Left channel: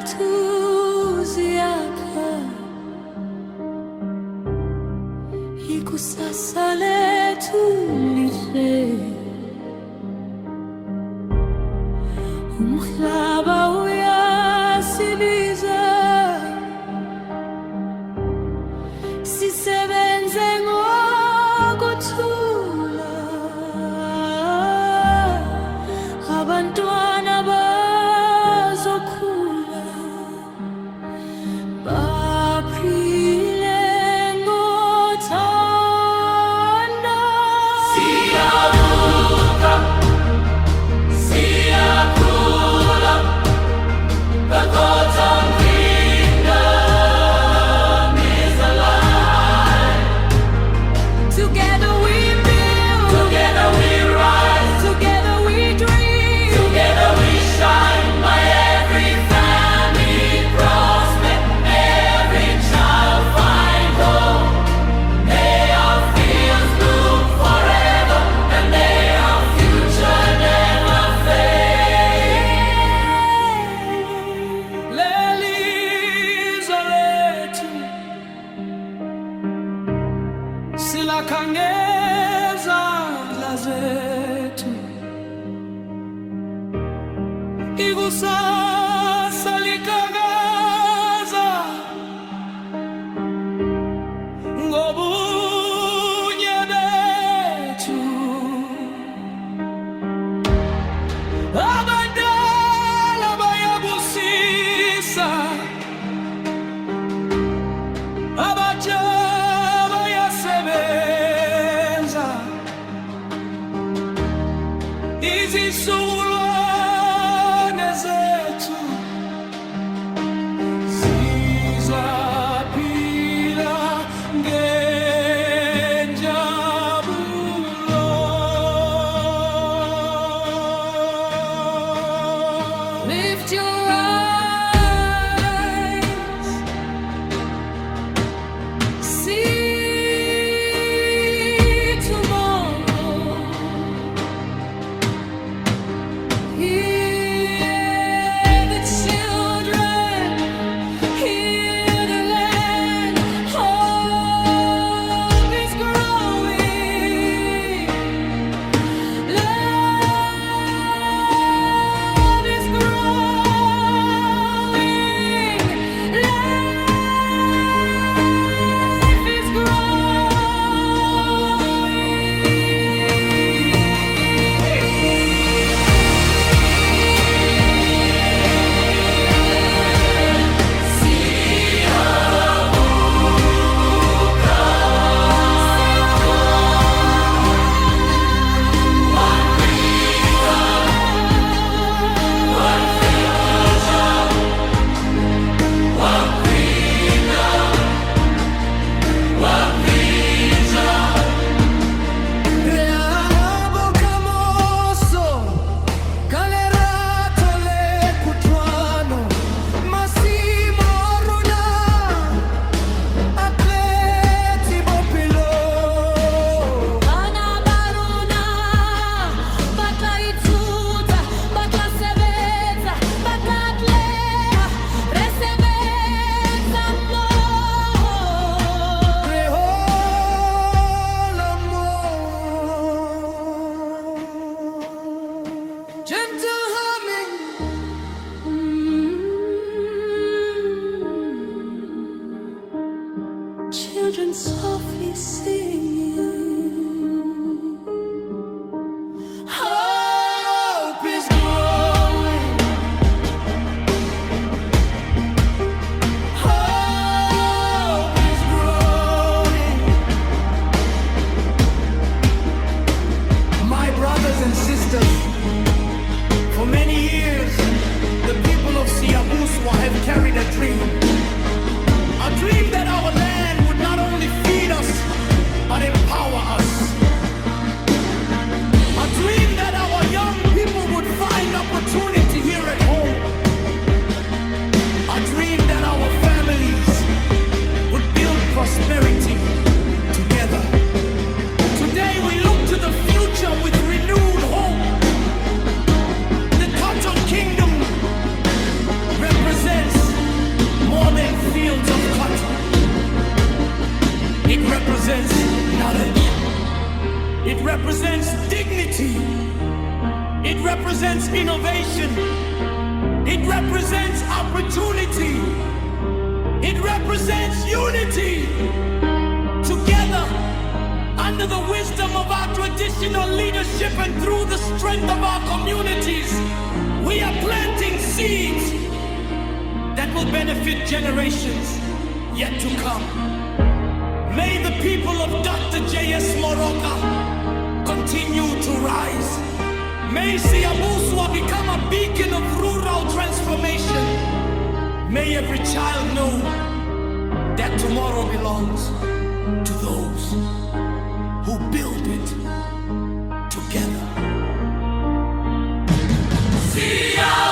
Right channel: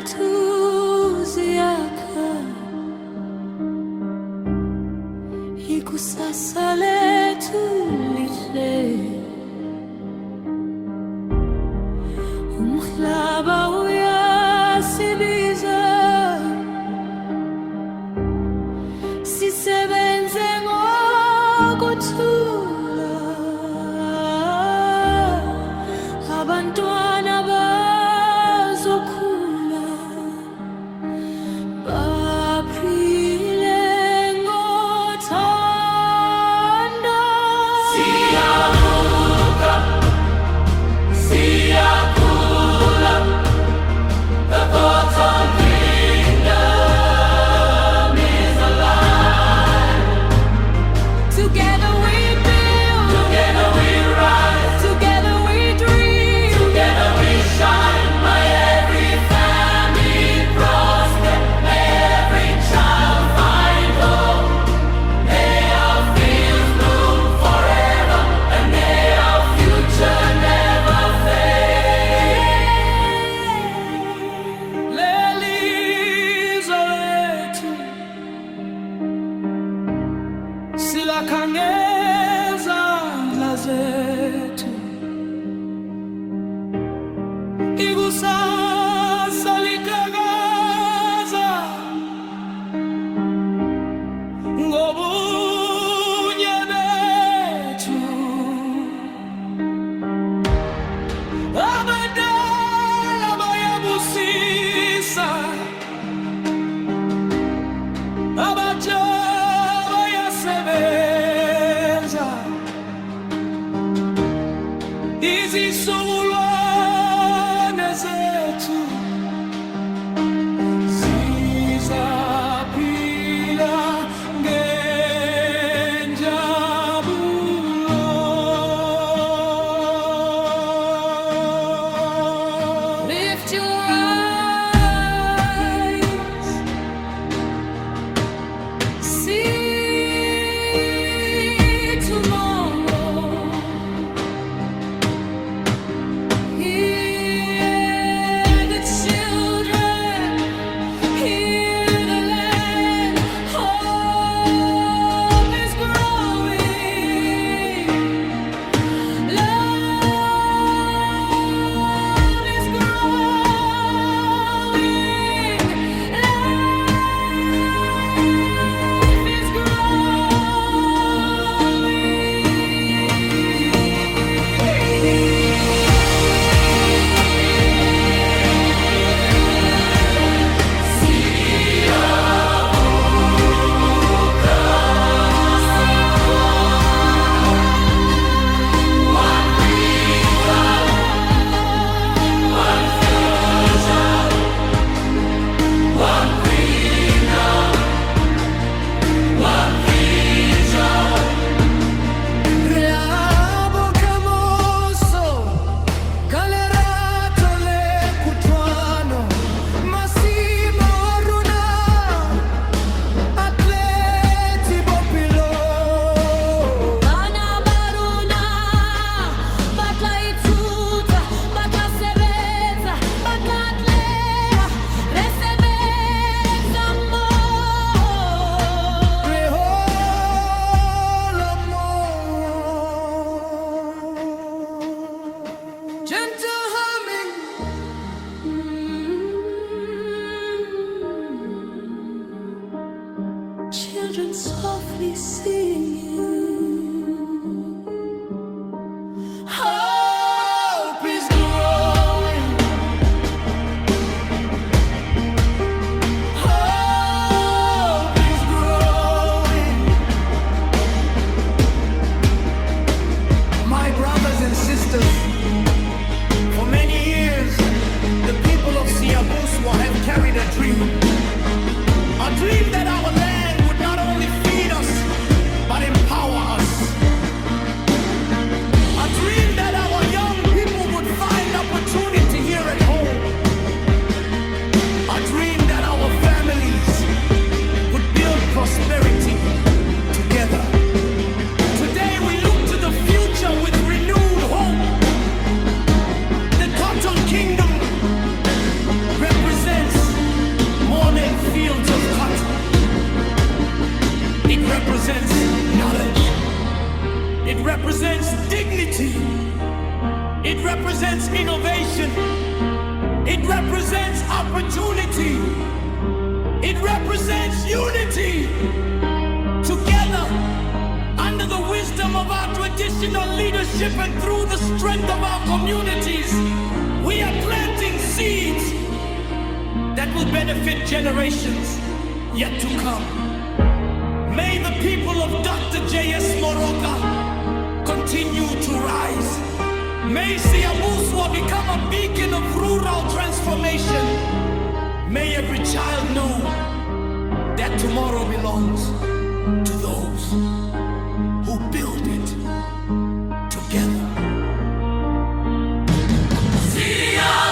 zethu ziyakha, ikusasa lethu lihle. Umhlaba uyasibiza, sisebenze ngokuthula. Abantwana bazokhula, baphile ngothando. Siyavuka, siyakhula, the cotton kingdom is alive. Together we build, Together we rise, together we dream, together we shine. May every family prosper, may every child find hope. May our fields bloom forever, and may our future never fade. Lelizwe lethu silakha ngezandla zethu, ikusasa liqhakaza ngobunye bethu. Abadala bayabusisa, abatsha bayasebenza, izizukulwane zethu zizaphila ngenjabulo. lift your eyes, see tomorrow. Hear the children, hear the land. Hope is growing, love is growing, life is Reabo camoso, calerato le cutuano, Massimo Aruna, atleti bopilo. Bana baruna, batla ituta, batla sebeza, batla atlea, resebeza mo. Gentle humming, Children softly singing. hope is growing, hope is growing. My brothers and sisters, for many years, the people of Siyavuka have carried a dream that our land would not only feed us, but empower us. A dream that our young people would find opportunity here at home. A dream that our families would build prosperity together. Today we look to the future with renewed hope. The Cotton Kingdom represents more than fields of cotton. It represents knowledge. It represents dignity. It represents innovation. It represents opportunity. It represents unity. Together, under the wisdom of our traditional leadership and through the strength of our communities, we are planting seeds that will benefit generations yet to come. May the people of Dr. J.S. Moroka continue to rise. May Siyavuka become a beacon of rural transformation. May every child know that tomorrow belongs to those who build it together. Siyavuka.